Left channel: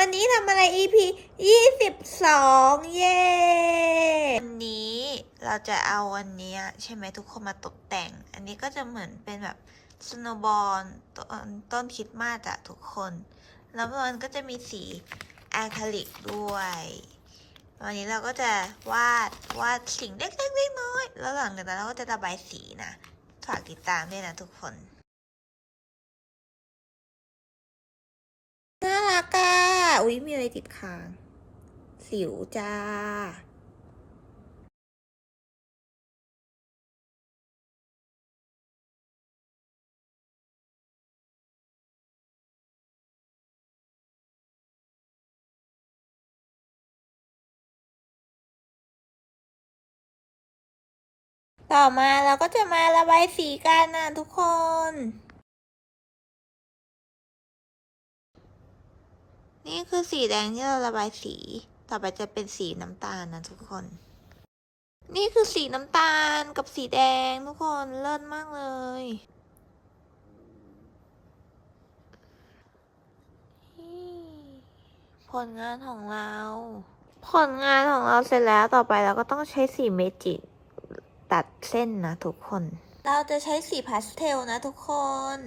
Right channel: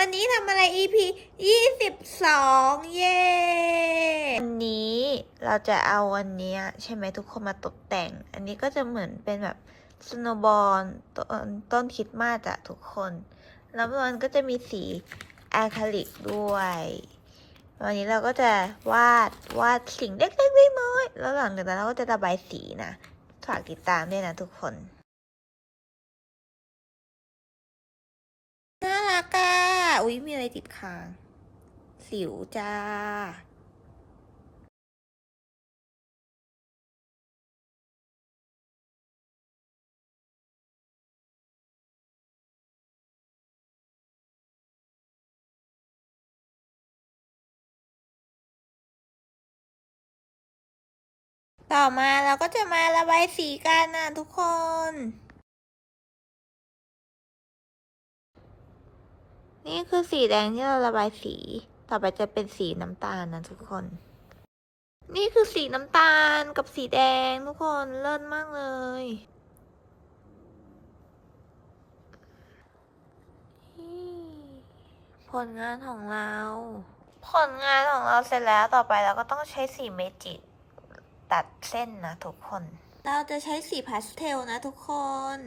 วันนี้ทำอะไร EP 22 เย้วันนี้เราจะเอาวันเนี้ยใช่ไหมทุกคนมาตกแต่ง อันนี้ก็จะเหมือนเป็นแบบสโนบอลต้นต้นคริดมาสอะทุกคน แล้วมันก็จะมีสีอะคริลิกด้วย วันนี้เราก็จะวาดวาดสิ่งเล็กๆน้อยๆแล้วหลังจากนั้นเราก็จะระบายสีนะ ฝากติดตามด้วยนะทุกคน น่ารักอะ อุ๊ยมีอะไรติดคาง สิวจ้าต่อมาเราก็จะมาระบายสีกันนะทุกคน นี่คือสีแดงที่เราระบายสี ต่อไปจะเป็นสีน้ำตาลนะทุกคน นี่คือสีน้ำตาลกับสีแดงทุกคนเลิศมากเลย ผลงานของเรา ผลงานของเราเสร็จแล้วต่อไปเราก็ต้องใช้สีเมจิกตัดเส้นนะทุกคน เราจะใช้สีพาสเทลนะทุกคน